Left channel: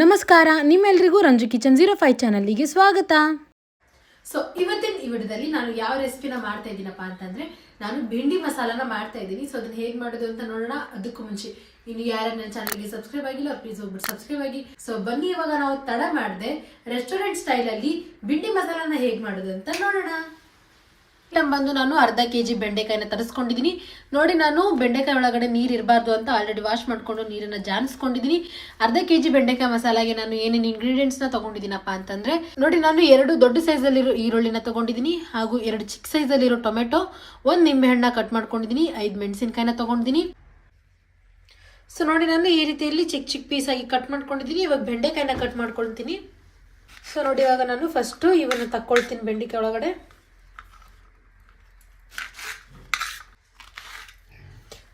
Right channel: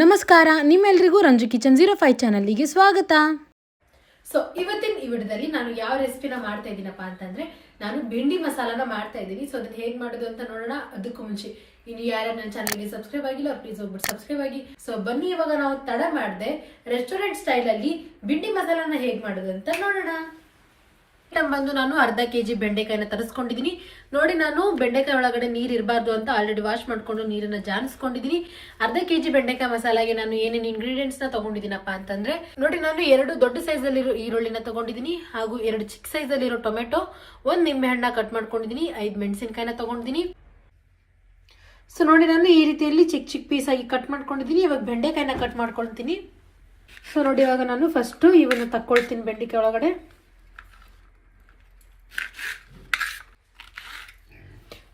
ನಮಸ್ಕಾರ, ನಿಮ್ಮೆಲ್ಲರಿಗೂ ರಂಜು ಕಿಚನ್ 05 ಚಾನಲ್ಗೆ ಸ್ವಾಗತ. ಸೊ ಇವತ್ತಿನ ಈ ವಿಡಿಯೋದಲ್ಲಿ ನಾನು ಯಾವ ರೆಸಿಪಿನ ಮಾಡ್ತಾ ಇದ್ದೀನಪ್ಪ ಅಂತಂದ್ರೆ ನಾನು ಬೆಂಡಿ ಮಸಾಲಾನ ಮಾಡ್ತಾ ಇದ್ದೀನಿ. ಸೊ ಅದನ್ನ ಹೇಗೆ ಮಾಡೋದು ಅಂತ ನೋಡೋಣ. ಅದಕ್ಕೂ ಮುಂಚೆ ಇನ್ನು ಯಾರು ನನ್ನ ಚಾನಲ್ಗೆ ಸಬ್ಸ್ಕ್ರೈಬ್ ಆಗಿಲ್ಲ ಪ್ಲೀಸ್ ಹೋಗ್ಬಿಟ್ಟು ಸಬ್ಸ್ಕ್ರೈಬ್ ಆಗಿ. ಸೊ ಬನ್ನಿ, ಇವಾಗ ನಾವು ತಡ ಮಾಡದೆ ರೆಸ್ಟೋರೆಂಟ್ ಸ್ಟೈಲ್ ಅಲ್ಲಿ ಬೆಂಡಿ ಮಸಾಲಾನ ಹೇಗೆ ಮಾಡೋದು ಅಂತ ನೋಡೋಣ. ಬಂದು ನಾನು ಅರ್ಧ ಕೆಜಿ ಬೆಂಡೆಕಾಯಿನ ತರಿಸ್ಕೊಂಡಿದ್ದೀನಿ. ನೋಡಿ, ನಾನು ಬೆಂಡೆಕಾಯಿ ಒಳಗಡೆ ನೀರು ಇರಬಾರ್ದು ಅಂತ ಆಲ್ರೆಡಿ ವಾಶ್ ಮಾಡ್ಕೊಂಡು ನೀರನ್ನ ಜಾನಿಸ್ಕೊಂಡಿದ್ದೀನಿ. ಅರ್ಧ ಕೆಜಿ ಬೆಂಡೆಕಾಯಿ ಮಸಾಲಾಗೆ ನಾನು ಏನೇನು ಇಂಗ್ರೀಡಿಯೆಂಟ್ಸ್ ನ ತಗೊಂಡಿದ್ದೀನಪ್ಪ ಅಂತಂದ್ರೆ ನೋಡಿ, ನಾನು 2 ದೊಡ್ಡ ಸೈಜ್ ಅಲ್ಲಿರೋ ಈರುಳ್ಳಿನ ತಗೊಂಡಿದ್ದೀನಿ, ಹಾಗೂ 2 ಚಿಕ್ಕ ಸೈಜ್ ಅಲ್ಲಿರೋ ಟೊಮೆಟೊ, 1 ನಿಂಬೆ ಹಣ್ಣ ಕಟ್ ಮಾಡ್ಕೊಂಡಿದ್ದೀನಿ, 5 ಮೆಣಸಿನಕಾಯಿನ ತಗೊಂಡಿದ್ದೀನಿ. ಸೊ ನೋಡಿ, ನಾನು ಈ ರೀತಿಯಲ್ಲಿ ಚಿಕ್ಕ ಚಿಕ್ಕ ಪೀಸ್ ಆಗಿ ಕಟ್ ಮಾಡ್ಕೊಂಡಿದ್ದೀನಿ. ಇವಾಗ ಬೆಂಡೆಕಾಯಿನ ಕಟ್ ಮಾಡ್ಕೊಳ್ತೀನಿ. ಸೊ ನೋಡಿ, ಇವಾಗ ನಾನು ಫಸ್ಟ್ ಇವನ್ನ ತಕ್ಕೊಳ್ತೀನಿ ಬೆಂಡೆಕಾಯಿ ಒಳಗಡೆ.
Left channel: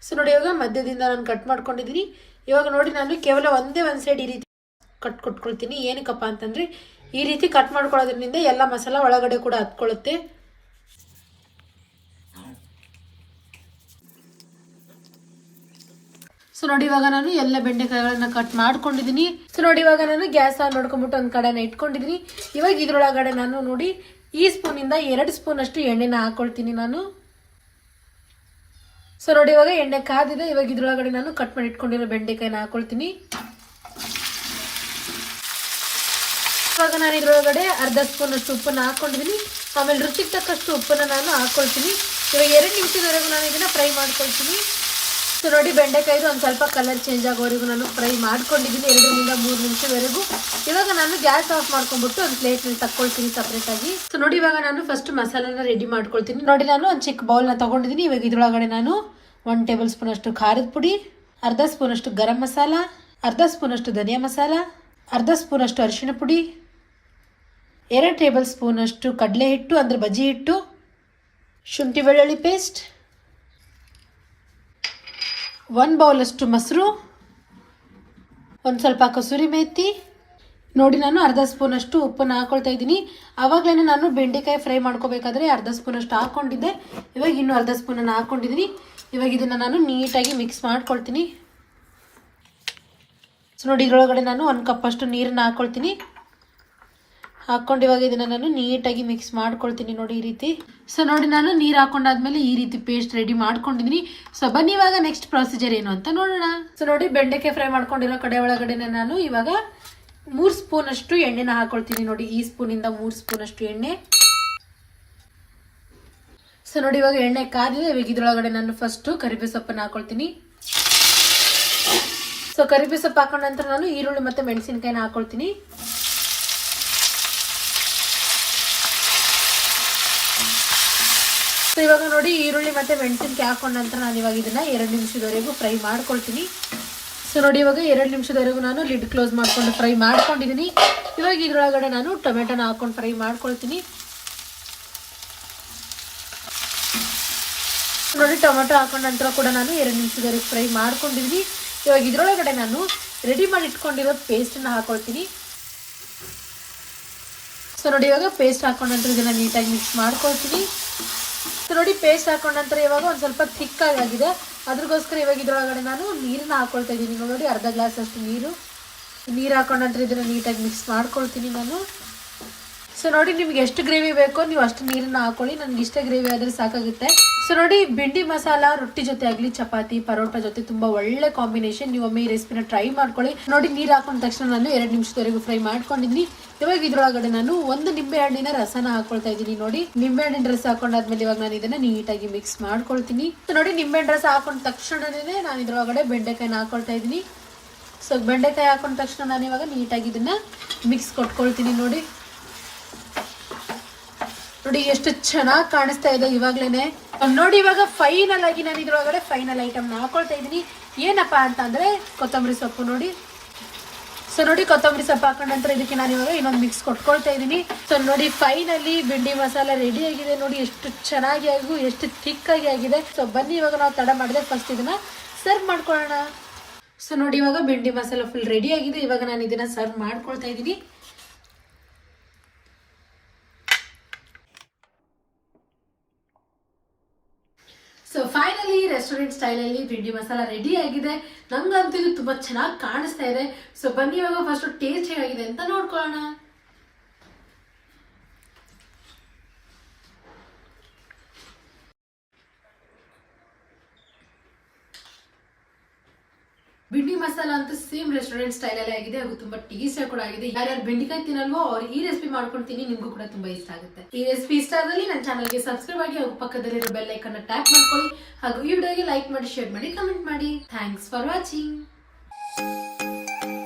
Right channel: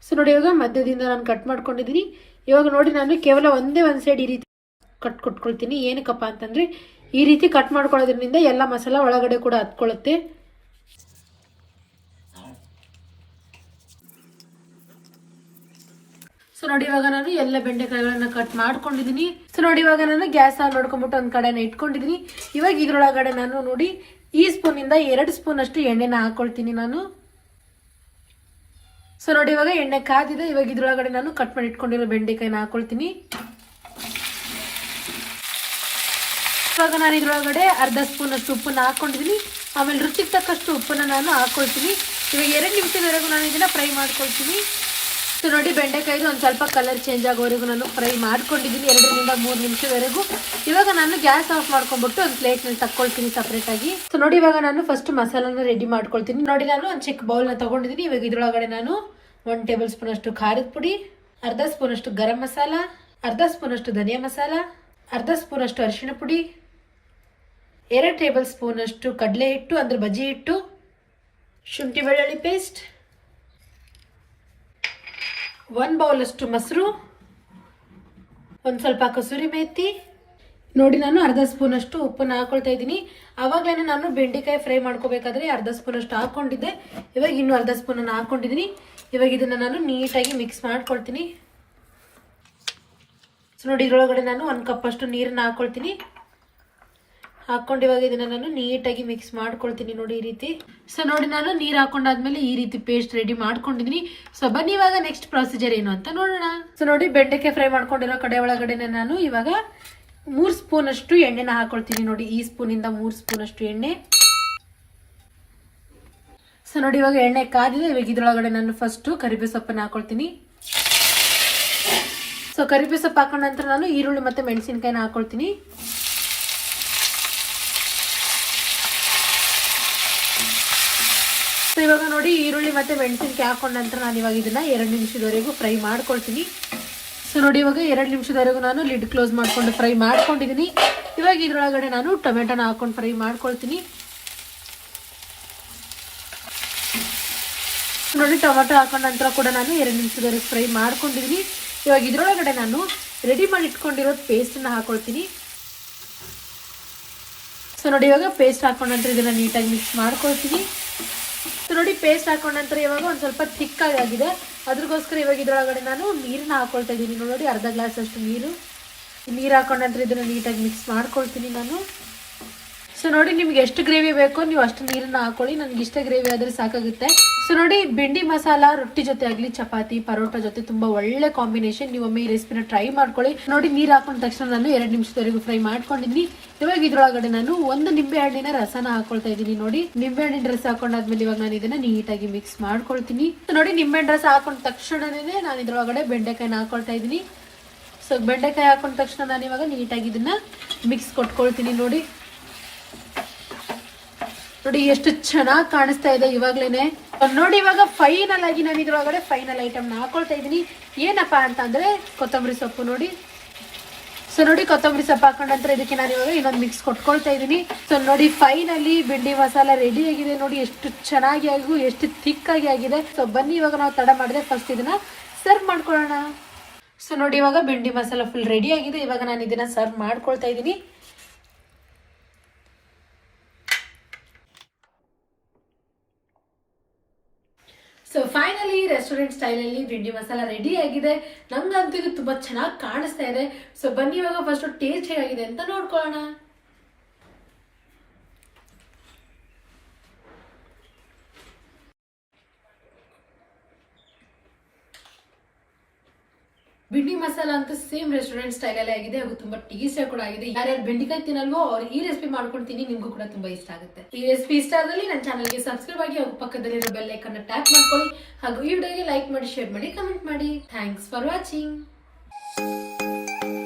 ಸೊ ನೋಡಿ, ಇವಾಗ ಮಧ್ಯದಿಂದ ನಾನು ಕಟ್ ಮಾಡ್ಕೊಂಡಿದ್ದೀನಿ. ಇವಾಗ ನೋಡಿ, ನಾನು ಕೇವಲ ಒಂದೇ ಒಂದು ಸೈಡ್ ಈ ರೀತಿ ಕಟ್ ಕೊಟ್ಕೊಳ್ತೀನಿ. ಏನಕ್ಕಪ್ಪ ಅಂತಂದ್ರೆ ಈ ರೀತಿ ಕಟ್ ಮಾಡ್ಕೊಳ್ಳೋದ್ರಿಂದ ಎಲ್ಲ ಮಸಾಲ ಒಳಗಡೆ ಕೂಡ ಹತ್ಕೊಳ್ಳುತ್ತೆ. ಸೊ ನೋಡಿ, ಇವಾಗ ನಾನು ಎಲ್ಲ ಬೆಂಡೆಕಾಯಿಗಳನ್ನ ಕಟ್ ಮಾಡ್ಕೊಂಡಿದ್ದೀನಿ. ಸೊ ನೋಡಿ, ಇವಾಗ ನಾನು ಗ್ಯಾಸ್ ನೋಡ್ಕೊಂಡ್ಬಿಟ್ಟು ಒಂದ್ ಕಡೆನ ಇಟ್ಕೊಂಡಿದ್ದೀನಿ. ಇವಾಗ ಇದ್ರೊಳಗಡೆ ನಾನು ನೋಡಿ ಈ ಸ್ಪೂನ್ ಇಂದ 2 ಸ್ಪೂನ್ ಅಷ್ಟು ಎಣ್ಣೆನ ಹಾಕೊಳ್ತೀನಿ ನಾನು. ಸೊ ನೋಡಿ, ಇವಾಗ ಎಣ್ಣೆ ಕಾದಿದೆ. ಇವಾಗ ಇದ್ರೊಳಗಡೆ ನಾನು ಕಟ್ ಮಾಡಿ ಇಟ್ಕೊಂಡಿರೋ ಬೆಂಡೆಕಾಯಿನ ಹಾಕೊಳ್ತೀನಿ. ಇವಾಗ ನಾನು ಇದ್ರೊಳಗಡೆ ಅರ್ಧ ಸ್ಪೂನ್ ಅಷ್ಟು ಉಪ್ಪನ್ನ ಹಾಕೊಂಡಿದ್ದೀನಿ. ಆಮೇಲೆ ರುಚಿಗೆ ತಕ್ಕಷ್ಟು ಉಪ್ಪನ್ನ ನಾನು ಹಾಕೊಳ್ತೀನಿ. ಇವಾಗ 2 ನಿಮಿಷದವರೆಗೂ ನಾನು ಇದನ್ನ ಫ್ರೈ ಮಾಡ್ಕೊಳ್ತೀನಿ. ಸೊ ನೋಡಿ, ಬೆಂಡೆಕಾಯಿದು ಒಂದು ಸ್ವಲ್ಪ ಕಲರ್ ಚೇಂಜ್ ಆಗೋವರೆಗೂ ನಾನು ಫ್ರೈ ಮಾಡ್ಕೊಂಡಿದ್ದೀನಿ, 2 ರಿಂದ 3 ನಿಮಿಷವರೆಗೂ. ಇವಾಗ ನಾನು ಗ್ಯಾಸ್ ಆಫ್ ಮಾಡ್ಕೊಂಡ್ಬಿಟ್ಟು ಒಂದು ಪ್ಲೇಟ್ ನಲ್ಲಿ ತಕ್ಕೊಳ್ತೀನಿ ಸಪ್ರೇಟ್ ಆಗಿ. ಸೊ ನೋಡಿ, ಇವಾಗ ನಾನು ಫಸ್ಟ್ ಮಸಾಲಾನ ರೆಡಿ ಮಾಡ್ಕೊಳ್ತೀನಿ. ನೋಡಿ, ನಾನು ಒಂದು ಚಿಕ್ಕ ಬೌಲ್ನ ತಗೊಂಡಿದ್ದೀನಿ. ಇವಾಗ ಇದ್ರೊಳಗಡೆ ನಾನು 1 ಟೇಬಲ್ ಸ್ಪೂನ್ ಅಷ್ಟು ಖಾರದ ಪುಡಿ, ಅರ್ಧ ಸ್ಪೂನ್ ಅಷ್ಟು ಗರಂ ಮಸಾಲ, ಅರ್ಧ ಸ್ಪೂನ್ ಅಷ್ಟು ಧನಿಯಾ ಮಸಾಲ, ಅರ್ಧ ಸ್ಪೂನ್ ಅಷ್ಟು ಅರಿಶಿಣ ಪುಡಿ, 2 ಟೇಬಲ್ ಸ್ಪೂನ್ ಅಷ್ಟು ಕಡಲೆ ಹಿಟ್ಟು ಅಂದ್ರೆ ಬಜ್ಜಿ ಹಿಟ್ಟು, ಶುಂಠಿ ಬೆಳ್ಳುಳ್ಳಿ ಪೇಸ್ಟ್, 1 ಬೌಲ್ ಅಷ್ಟು ಮೊಸರು, ಒಂದು ಸ್ವಲ್ಪ ಕಸೂರಿ ಮೇಥಿ. ನೋಡಿ, ನಾನು ಅರ್ಧ ಸ್ಪೂನ್ ಅಷ್ಟು ಉಪ್ಪನ್ನು ಹಾಕೊಳ್ತಾ ಇದ್ದೀನಿ. ಆವಾಗಲೇ ನಾನು ಬೆಂಡೆಕಾಯಿ ಫ್ರೈ ಮಾಡ್ಕೋಬೇಕಾದ್ರೆ ಅರ್ಧ ಸ್ಪೂನ್ ಅಷ್ಟು ಹಾಕೊಂಡಿದ್ದೆ. ಇವಾಗ ಇನ್ನೂ ಅರ್ಧ ಸ್ಪೂನ್ ಅನ್ನು ಹಾಕೊಂಡಿದ್ದೀನಿ. ಇವಾಗ ಇದನ್ನ ನಾನು ನೀಟಾಗಿ ಮಿಕ್ಸ್ ಮಾಡ್ಕೊಳ್ತೀನಿ. ಸೊ ನೋಡಿ, ಇದರೊಳಗಡೆ ನಾನು 1 ಕಪ್ ಅಷ್ಟು ನೀರನ್ನ ಹಾಕೊಳ್ತೀನಿ. ಹಾಕೊಂಡು ಇವಾಗ ಇದನ್ನ ನಾನು ನೀಟಾಗಿ ಮಿಕ್ಸ್ ಮಾಡ್ಕೊಳ್ತೀನಿ. ನೋಡಿ, ಈ ರೀತಿ. ಸೊ ನೋಡಿ, ನಾನು ನೀರು ಹಾಕೊಂಡಾದ್ಮೇಲೆ ಈ ರೀತಿ ಪೇಸ್ಟ್ ರೆಡಿ ಮಾಡ್ಕೊಂಡಿದ್ದೀನಿ. ಸೊ ಬನ್ನಿ, ಇವಾಗ ನೆಕ್ಸ್ಟ್ ಪ್ರೊಸೀಜರ್ ಏನು ಅಂತ ನೋಡೋಣ. ಸೊ ನೋಡಿ, ಬೆಂಡೆಕಾಯಿ ಫ್ರೈ ಮಾಡ್ಕೊಂಡಿರೋ ಕಡೆ ಒಳಗಡೆ ನಾನು ಇವಾಗ 3 ಸ್ಪೂನ್ ಅಷ್ಟು ಎಣ್ಣೆನ ಹಾಕೊಳ್ತೀನಿ. ನೋಡಿ, ಈ ಸ್ಪೂನ್ ಇಂದ 3 ಸ್ಪೂನ್ ಅಷ್ಟು ಎಣ್ಣೆ. ಸೊ ನೋಡಿ, ಇವಾಗ ಎಣ್ಣೆ ಕಾದಿದೆ. ಇವಾಗ ಇದ್ರೊಳಗಡೆ ನಾನು ಫಸ್ಟ್ ಕರಿಬೇವು ಸೊಪ್ಪನ್ನು ಹಾಕೊಳ್ತೀನಿ. ಸೊ ಕರಿಬೇವು ಸೊಪ್ಪು ಹಾಕೊಂಡ ನಂತರ ನಾನು ಈರುಳ್ಳಿ ಮತ್ತೆ ಮೆಣಸಿನಕಾಯಿನ ಹಾಕೊಳ್ತೀನಿ. ಸೊ ಇವಾಗ ನೋಡಿ, ಈರುಳ್ಳಿ ಮತ್ತೆ ಮೆಣಸಿನಕಾಯಿ ಹಾಕೊಂಡ ನಂತರ ನಾನು ಇವಾಗ ಇದನ್ನ 2 ನಿಮಿಷದವರೆಗೂ ಫ್ರೈ ಮಾಡ್ಕೊಳ್ತೀನಿ. ಸೊ ನೋಡಿ, ಇವಾಗ 2 ನಿಮಿಷದವರೆಗೂ ನಾನು ಲಿಡ್ ಕ್ಲೋಸ್ ಮಾಡ್ಕೊಂಡು ಫ್ರೈ ಮಾಡ್ಕೊಂಡಿದ್ದೀನಿ. ಇವಾಗ ಇದ್ರೊಳಗಡೆ ನಾನು ಟೊಮೆಟೊನ ಹಾಕೊಂಡು ಫ್ರೈ ಮಾಡ್ಕೊಳ್ತೀನಿ. ನೋಡಿ, ಟೊಮೆಟೊ ಹಾಕೊಂಡ ನಂತರ ಕೂಡ ನಾನು 2 ನಿಮಿಷದವರೆಗೂ ಫ್ರೈ ಮಾಡ್ಕೊಂಡಿದ್ದೀನಿ. ಇವಾಗ ಇದ್ರೊಳಗಡೆ ನಾನು ರೆಡಿ ಮಾಡಿ ಇಟ್ಕೊಂಡಿರೋ ಪೇಸ್ಟನ್ನ ಹಾಕೊಳ್ತೀನಿ. ಸೊ ನೋಡಿ, ಇವಾಗ ಪೇಸ್ಟ್ ಹಾಕೊಂಡ ನಂತರ ಇದನ್ನ ನೀಟಾಗಿ ಮಿಕ್ಸ್ ಮಾಡ್ಕೊಳ್ತೀನಿ. ಸೊ ನೋಡಿ, ಪೇಸ್ಟ್ ಹಾಕೊಂಡ ನಂತರ ಇವಾಗ ಒಂದು ಸ್ವಲ್ಪ ಥಿಕ್ ಆಗಿದೆ. ಅದ್ರಗೋಸ್ಕರ ಇವಾಗ ಇದ್ರೊಳಗಡೆ ನಾನು ನೀರನ್ನ ಹಾಕೊಳ್ತಾ ಇದ್ದೀನಿ. ನೋಡಿ, ಅರ್ಧ ಗ್ಲಾಸ್ ಅಷ್ಟು ನೀರು ಹಾಕೊಂಡ ನಂತರ ಇದನ್ನ ನೀಟಾಗಿ ಮಿಕ್ಸ್ ಮಾಡ್ಕೊಳ್ತೀನಿ ನಾನು. ಸೊ ನೋಡಿ, ನಿಮ್ಗೆ ಎಷ್ಟು ಗ್ರೇವಿ ಬೇಕೋ ನೀವು ಅಷ್ಟು ನೀರನ್ನ ಹಾಕೊಳ್ಳಿ. ನನ್ಗೆ ಇಷ್ಟ ಗ್ರೇವಿ ಆದ್ರೆ ಸಾಕಾಗುತ್ತೆ. ಸೊ ನೋಡಿ, ಬೆಂಡಿ ಮಸಾಲ ರೊಟ್ಟಿ ಜೊತೆ ಆಗಲಿ, ಚಪಾತಿ ಪರೋಟ ಜೊತೆ ತುಂಬಾ ಒಳ್ಳೆ ಕಾಂಬಿನೇಷನ್. ನೀವು ಒಮ್ಮೆ ಈ ರೆಸಿಪಿನ ಟ್ರೈ ಮಾಡ್ಕೊಳ್ಳಿ. ನೋಡಿ, ನೀರು ಹಾಕೊಂಡ ತಕ್ಷಣ ನಾನು 2 ನಿಮಿಷದವರೆಗೂ ಫ್ರೈ ಮಾಡ್ಕೊಂಡಿದ್ದೀನಿ. ಇವಾಗ ಇದ್ರೊಳಗಡೆ ನಾನು 1 ನಿಂಬೆ ಹಣ್ಣಿನ ರಸನ ಹಾಕೊಳ್ತಾ ಇದ್ದೀನಿ. ನೋಡಿ, ನಿಂಬೆ ಹಣ್ಣಿನ ರಸ ಹಾಕೊಂಡಾದ್ಮೇಲೆ ಇವಾಗ ನಾನು ಇದನ್ನ ನೀಟಾಗಿ ಮಿಕ್ಸ್ ಮಾಡ್ಕೊಳ್ತೀನಿ. ನೋಡಿ, ನಿಂಬೆ ಹಣ್ಣಿನ ರಸ ಹಾಕೊಂಡ ತಕ್ಷಣನೇ ನಾನು ಇದ್ರೊಳಗಡೆ ಬೆಂಡೆಕಾಯಿನ ಹಾಕೊಳ್ತಾ ಇದ್ದೀನಿ. ಸೊ ಬೆಂಡೆಕಾಯಿ ಹಾಕೊಂಡ ತಕ್ಷಣ ನಾನು ಇವಾಗ ನೀಟಾಗಿ ಇದನ್ನ ಮಿಕ್ಸ್ ಕೊಟ್ಕೊಳ್ತೀನಿ. ನೋಡಿ, ಎಷ್ಟು ಚೆನ್ನಾಗಿ ಕಾಣಿಸ್ತಾ ಇದೆ ಇವಾಗ್ಲೇನೆ. ನೋಡಿ, ಇವಾಗ ಫೈನಲ್ ಆಗಿ ನಾನು ಇದ್ರೊಳಗಡೆ ಫೈನಲ್ ಐಟಮ್ ಹಾಕೊಳ್ತಾ ಇದ್ದೀನಿ. ಏನಪ್ಪಾ ಅಂತಂದ್ರೆ ಕೊತ್ತಂಬರಿ ಸೊಪ್ಪು. ನೋಡಿ, ಸೊ ನೋಡಿ, ಕೊತ್ತಂಬರಿ ಸೊಪ್ಪು ಹಾಕೊಂಡ ನಂತರ ಇದಕ್ಕೆ ನಾನು ಇವಾಗ ಇನ್ನೊಂದು ಮಿಕ್ಸ್ ಕೊಟ್ಕೊಳ್ತಾ ಇದ್ದೀನಿ. ಸೊ ನೋಡಿ, ಫೈನಲಿ ಬೆಂಡಿ ಮಸಾಲ ರೆಡಿ ಆಗಿದೆ. ನೋಡಿ, ಎಷ್ಟು ಚೆನ್ನಾಗಿ ಎಷ್ಟು ಥಿಕ್ ಆಗಿದೆ. ಸೊ ಬನ್ನಿ, ಇವಾಗ ನಾವು ತಡ ಮಾಡಿದ್ರೆ ಫಸ್ಟ್ ಇದನ್ನ ಸರ್ವ್ ಮಾಡ್ಕೊಳ್ಳೋಣ. ಸೊ ನೋಡಿ, ಇವಾಗ ಬೆಂಡಿ ಮಸಾಲ ಫುಲ್ ರೆಡಿ ಆಗಿದೆ. ಇವಾಗ ನಾನು ಇದನ್ನ ಸರ್ವ್ ಮಾಡ್ಕೊಳ್ತಾ ಇದ್ದೀನಿ. ಸೊ ಫೈನಲಿ ರೆಸ್ಟೋರೆಂಟ್ ಸ್ಟೈಲಲ್ಲಿ ಬೆಂಡಿ ಮಸಾಲ ರೆಡಿ ಆಗಿದೆ. ನಂಗಂತೂ ಇದು ತುಂಬಾ ಚೆನ್ನಾಗಿ ಕಾಣಿಸ್ತಾ ಇದೆ. ಸೊ ಬನ್ನಿ ಇವಾಗ ಫಸ್ಟ್ ಟೇಸ್ಟ್ ಹೇಗಾಗಿದೆ ಅಂತ ನೋಡ್ಕೊಳ್ಳೋಣ. ಬೆಂಡಿ ಮಸಾಲ ಅಂತ ಸೇಮ್ ರೆಸ್ಟೋರೆಂಟ್ ಸ್ಟೈಲ್ ಅಲ್ಲೇ ಆಗಿದೆ ಹಾಗೂ ತುಂಬಾ ಟೇಸ್ಟಿ ಕೂಡ ಆಗಿದೆ. ಯಾರ್ಯಾರು ಬೆಂಡಿಕಾಯಿ ತಿನ್ನಲ್ವೋ ಅವ್ರು ಈ ರೆಸಿಪಿ ಮಾಡ್ಕೊಂಡು ತಿನ್ನಿ, ನಿಮ್ಗೂ ಕೂಡ ತುಂಬಾ ಇಷ್ಟ ಆಗುತ್ತೆ. ಈ ರೆಸಿಪಿ ಇಷ್ಟ ಆದಲ್ಲಿ ನನ್ನ ಚಾನಲ್ಗೆ ಸಬ್ಸ್ಕ್ರೈಬ್ ಆಗಿ ಹಾಗೂ ಪಕ್ಕದಲ್ಲಿರೋ ಬೆಲ್ ಐಕನ್ ಟ್ಯಾಪ್ ಮಾಡ್ಕೊಳ್ಳಿ ಹಾಗೂ ಈ ವಿಡಿಯೋಗೆ ಲೈಕ್ ಮಾಡಿ, ಶೇರ್ ಮಾಡಿ, ಕಮೆಂಟ್ ಮಾಡಿ. Thanks for watching.